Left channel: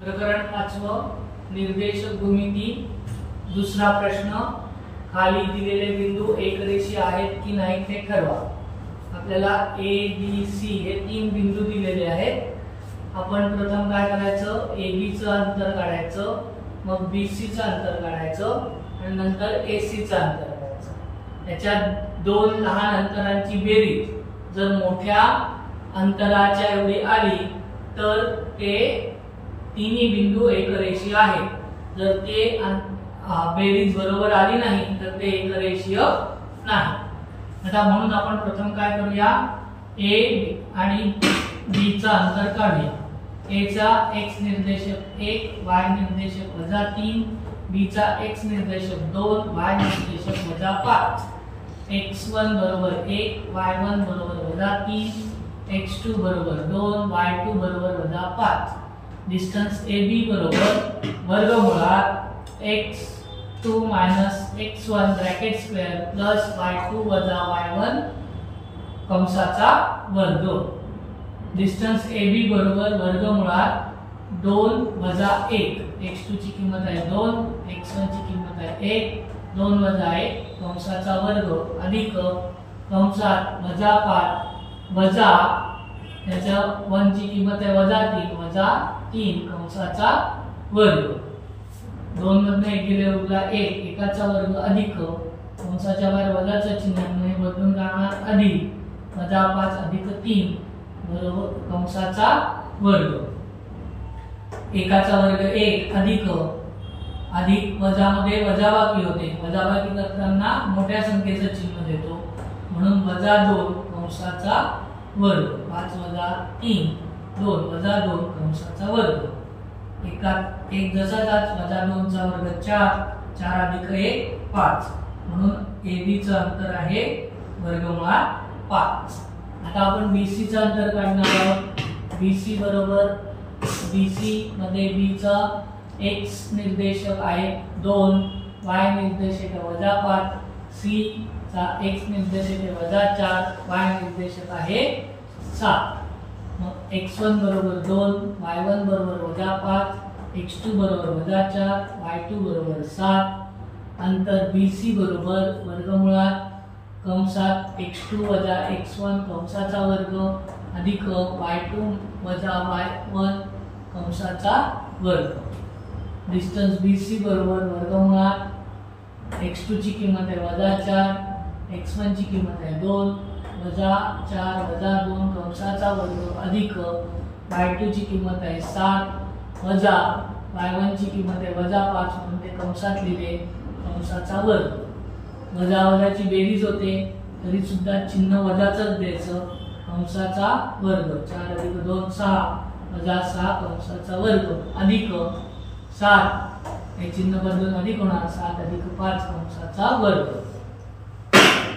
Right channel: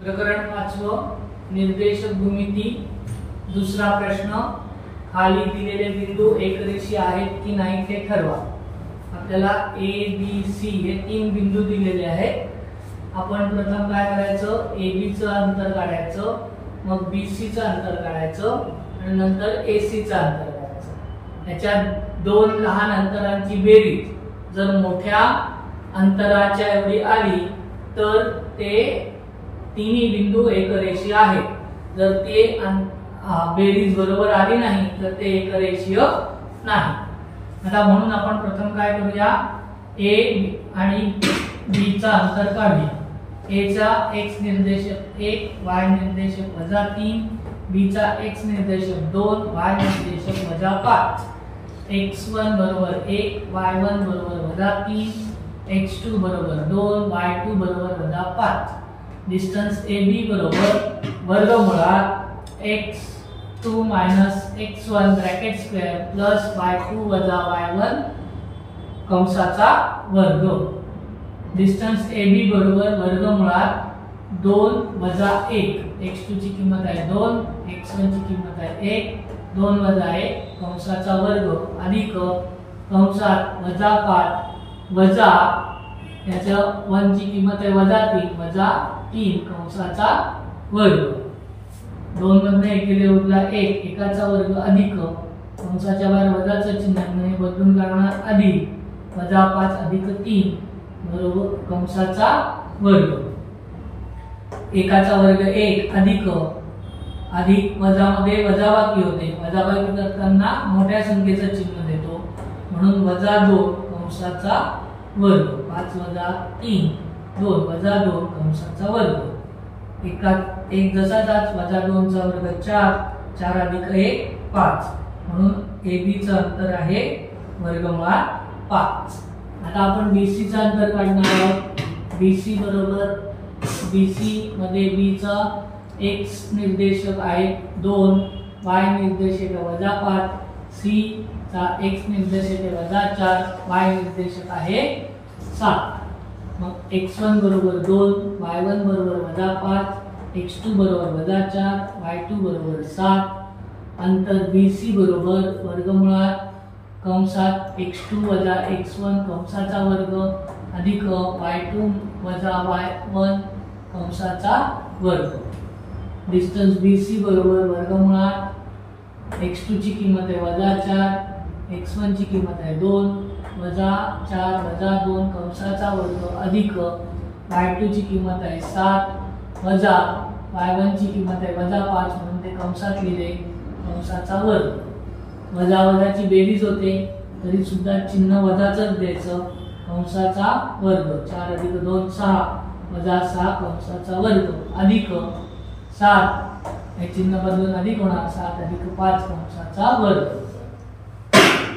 प्रकरण 5 निर्देशक भूमिती। दुसरा प्रश्न, खाली दिलेले बिंदू एकरेषीय आहेत की नाही ते ठरवा। आपल्याला ए बी सी हे 3 बिंदू दिलेले आहेत। आपण प्रथम काय करायचं, ए बी चं अंतर काढायचं, मग बी सी चं अंतर काढायचं आणि नंतर ए सी चं अंतर काढायचं। याच्या दोन लहान अंतरांची बेरीज जर मोठ्या अंतराच्या एवढी आली तर ते तिन्ही बिंदू एकरेषीय आहेत। जर ते बेरीज बरोबर आली नाही तर ते एकरेषीय नाही। आता म्हणून आपण प्रथम काय करूया, ए आणि बी चा अंतर काढूया। ए चा x निर्देशक 1, y निर्देशक -3, b चा x निर्देशक 2, y निर्देशक -5। x1 बरोबर 1, y1 बरोबर -3, x2 बरोबर 2, y2 बरोबर -5। डिस्टन्स AB बरोबर वर्गमुळात x2 - x1 bracket square plus y2 - y1 कंसाचा वर्ग। डिस्टन्स AB बरोबर वर्गमुळात 2 - 1, x2 ची किंमत आहे 2, x1 ची किंमत आहे 1, 2 - 1 कंसाचा वर्ग अधिक कंसात -5 वजा याच्या 1 ची किंमत आहे -3 वजा 3 कंसाचा वर्ग। 2 मधून 1 गेले उरला 1, एकाचा वर्ग अधिक कंसाच्या बाहेर वजाचं चिन्ह आहे बदलून जाणार अधिक -5 अधिक 3 बरोबर कंसाचा वर्ग। एकाचा वर्ग 1 अधिक वजा मध्ये वजाबाकी होते, वजाबाकी करताना मोठ्या संख्येचं चिन्ह देतो म्हणून -2 कंसाचा वर्ग। 5 - 3 2 - 2 कंसाचा वर्ग। एक जसा जात -2 चा वर्ग 4, 4 अधिक 1 5 म्हणून AB चं अंतर आहे वर्गमुळात 5। आता आपण BC चं अंतर काढणार आहोत। BC बरोबर BC मध्ये B चा x निर्देशक आहे 2, y निर्देशक -5, C चा x निर्देशक आहे -4, y निर्देशक आहे 7। मग x1 बरोबर 2, y1 बरोबर -5, x2 बरोबर -4, y2 बरोबर 7। अंतर BC बरोबर वर्गमुळात कंसात x2 - x1 कंसाचा वर्ग अधिक y2 - y1 कंसाचा वर्ग। डिस्टन्स BC बरोबर वर्गमुळात x2 ची किंमत आहे -4, x1 ची किंमत आहे 2 -4 - 2 कंसाचा वर्ग अधिक y2 ची किंमत आहे 7 वजा y1 ची किंमत आहे -5 म्हणून ते कंसात लिहिले कंसाचा वर्ग। वजा वजाची बेरीज होते तरी सुद्धा चिन्ह वजाचंच द्यायचं, कंसाचा वर्ग। 4 अधिक 2 6 वजा 6 कंसाचा वर्ग अधिक 7 हे चिन्ह बदलून अधिक होणार 7 अधिक 5 कंसाचा वर्ग।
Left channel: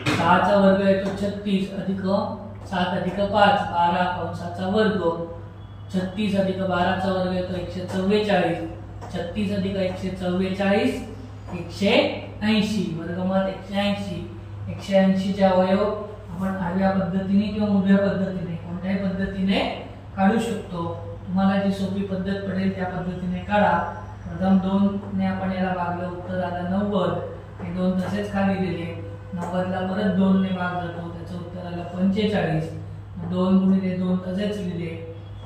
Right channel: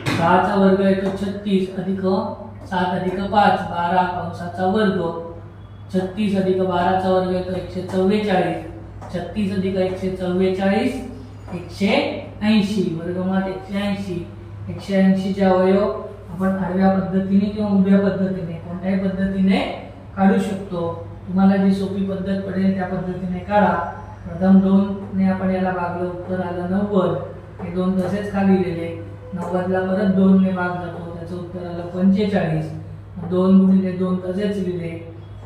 6 चा वर्ग येतो 36 अधिक 7 अधिक 5 12 कंसाचा वर्ग। 36 अधिक 12 चा वर्ग येतो 144, 36 अधिक 144 180 वर्गमुळात 180। 180 चे अवयव आपण आडव्या पद्धतीने किंवा उभ्या पद्धतीने कोणत्याही पद्धतीने काढू शकतो। तुम्हाला जी सोपी पद्धत पडेल त्या पद्धतीने काढा। प्रथम 2 ने आपण याला भागलं, उत्तर आलं 90। हे 2 तसेच खाली लिहिले, 90 ला परत 2 ने भाग जातो, त्याचं उत्तर आलं 45। 2 गुणिले 2 तसेच लिहिले,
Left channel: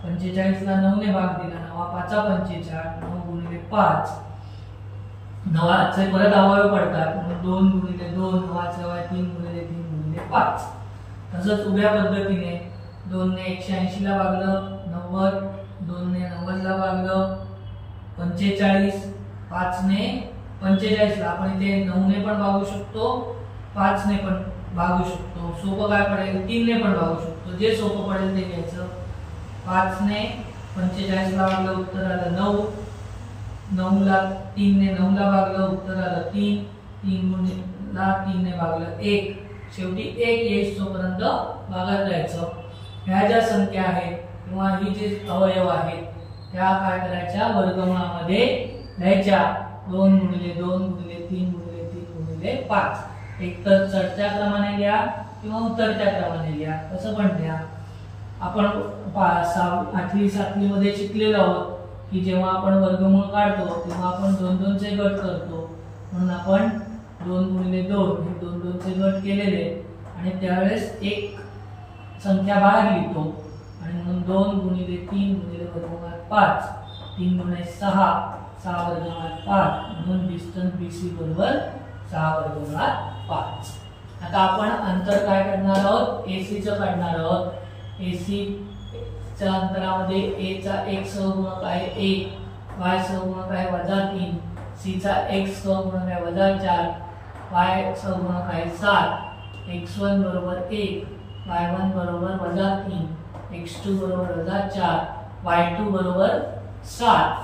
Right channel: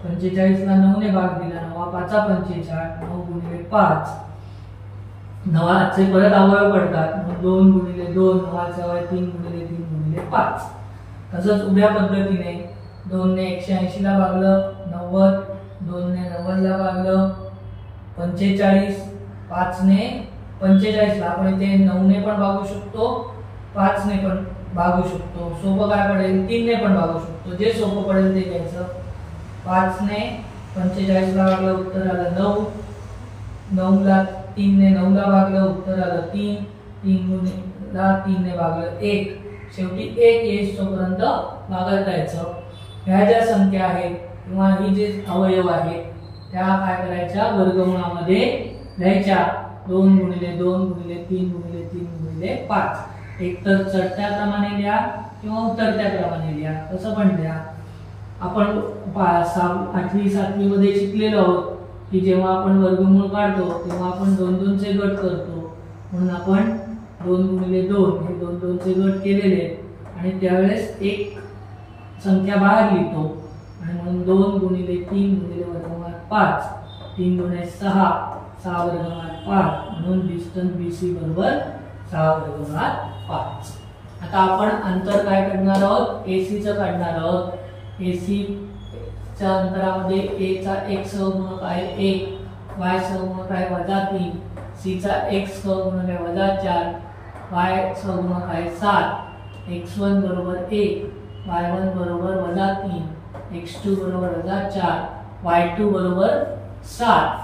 45 ला 9 ने भाग दिला, 9 5 45, 9 गुणिले 5 9 चे परत अवयव पडतात म्हणून 2 गुणिले 2 9 चा अवयव 3 गुणिले 3 गुणिले 5। तसंच उभ्या पद्धतीने 2 ने 180 ला भागलं 90, 2 ने 90 ला भागलं 45, 5 ने 45 ला आपण इथे 9 ने पण भागू शकतो, 5 ने पण भागू शकतो। सोपं काय पडेल 3 ने पण भागू शकतो, जे सोपं पडेल ते घ्यायचं। 5 ने 45 ला भागलं, उत्तर आलं 9, 9 ला 3 ने 9 ला भागलं, उत्तर आलं 3, 3 गुणिले 3 ने भागलं 1, शेवटी 1 येईपर्यंत भागत राहायचं। ह्या ज्या संख्या आहेत किंवा ही जे अवयव आहेत त्या काय करायच्या, वर्गमुळामध्ये लिहायच्या। 2 गुणिले 2 गुणिले 3 गुणिले 3 गुणिले 5। एक तर चढत्या क्रमाने लिहा किंवा उतरत्या क्रमाने लिहा, कसं पण लिहा। आपण 8वी 7वी मध्ये शिकलेलो आहोत की जेव्हा आपण वर्गमूळ काढतो तेव्हा आपण 2 चे गट करतो, म्हणून आपण 2 गुणिले 2 हे 2 चे गट केलेले आहेत आणि त्यावेळेस एक संख्या बाहेर लिहितो आणि म्हणून 2 गुणिले 3 गुणिले वर्गमूळात 5, 3 गुणिले 6 6 वर्गमूळात 5, म्हणून डिस्टन्स BC बरोबर 6 वर्गमूळात 5. आता आपण अंतर काय काढणार आहोत, AC चं काढणार आहोत. AC च्या अंतरामध्ये A चा x सहगुणक आहे 1, y सहगुणक आहे -3, C चा x सहगुणक आहे -4, y सहगुणक आहे 7, x1 बरोबर 1, y1 बरोबर -3, x2 बरोबर -4, y2 बरोबर 7.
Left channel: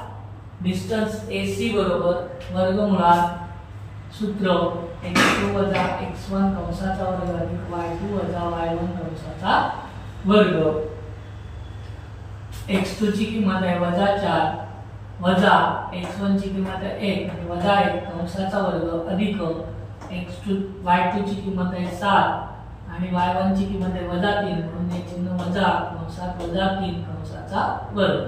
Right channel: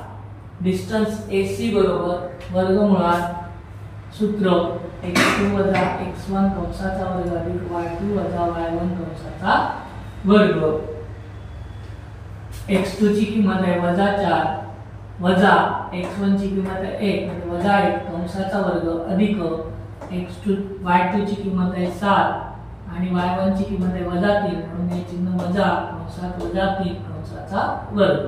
डिस्टन्स AC बरोबर वर्गमुळात सूत्र x2 - x1 कंसाचा वर्ग अधिक y2 - y1 कंसाचा वर्ग. x2 ची किंमत आहे -4 वजा x1 ची किंमत आहे 1 म्हणजे -1 कंसाचा वर्ग अधिक y2 ची किंमत आहे 7 आणि y1 ची किंमत आहे -3 म्हणून हे चिन्ह वजा कंसात -3 कंसाचा वर्ग.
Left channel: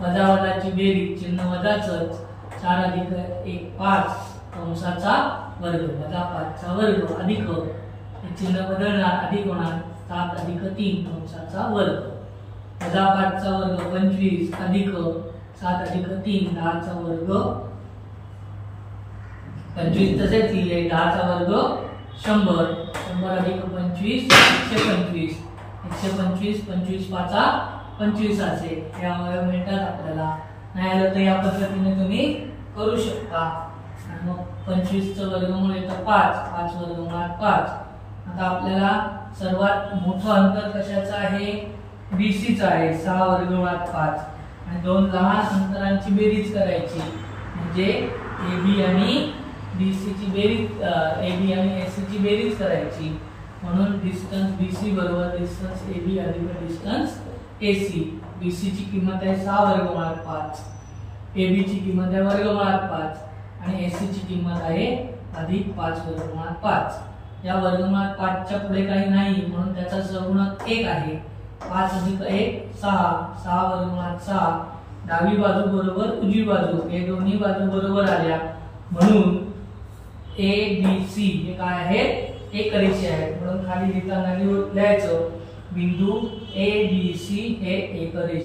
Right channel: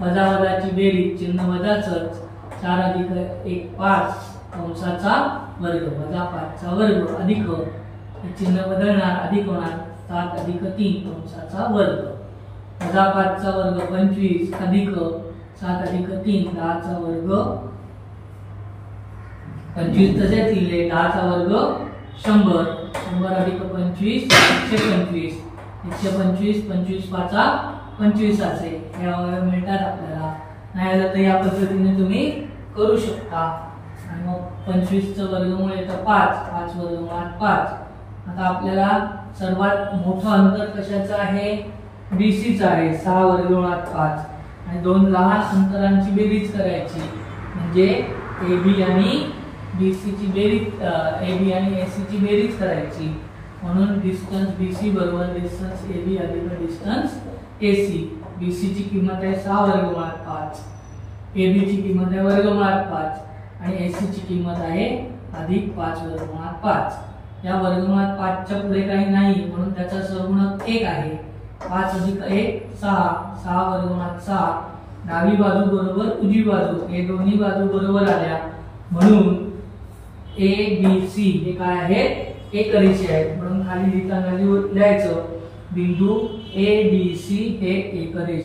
वजा वजाची बेरीज चिन्ह वजाचंच 4 अधिक 1 5 कंसाचा वर्ग वजा 5 चा वर्ग अधिक हे चिन्ह बदलणार अधिक होणार 7 अधिक 3 कंसाचा वर्ग. वजा 5 चा वर्ग 25 अधिक 7 अधिक 3 10 चा वर्ग 25 तसेच लिहिले 10 चा वर्ग 100 100 अधिक 25 125 125 25 5 25 असे हे अवयव मिळतात आपल्याला. नाही आलं तर या पद्धतीने तुम्ही करू शकता. आणि मग 25 चं वर्गमूळ येतं 5 5 वर्गमूळात 5. आता आपल्याला सर्वात मोठं अंतर कशाचं आहे, BC चं आहे 6 वर्गमूळात 5 आणि दोन लहान अंतरांची बेरीज करायची म्हणजे AB आणि BC ची बेरीज AB आणि AC ची बेरीज करायची. म्हणून डिस्टन्स BC बरोबर डिस्टन्स AB अधिक डिस्टन्स AC. BC ची किंमत आहे 6 वर्गमूळात 5, AB ची किंमत आहे वर्गमूळात 5 आणि AC ची किंमत आहे अधिक 5 वर्गमूळात 5. या वर्गमूळात 5 च्या पुढे काही नाही म्हणून त्याचा सहगुणक 1 आहे. 5 अधिक 1 6 6 वर्गमूळात 6. डावी बाजू बरोबर उजवी बाजू हे दोन्ही बाजू बरोबर आल्या म्हणून ABC हे काय आहेत, एकरेषी आहेत. म्हणून खाली लिहिताना लिहायचं बिंदू ADC हे एकरेषी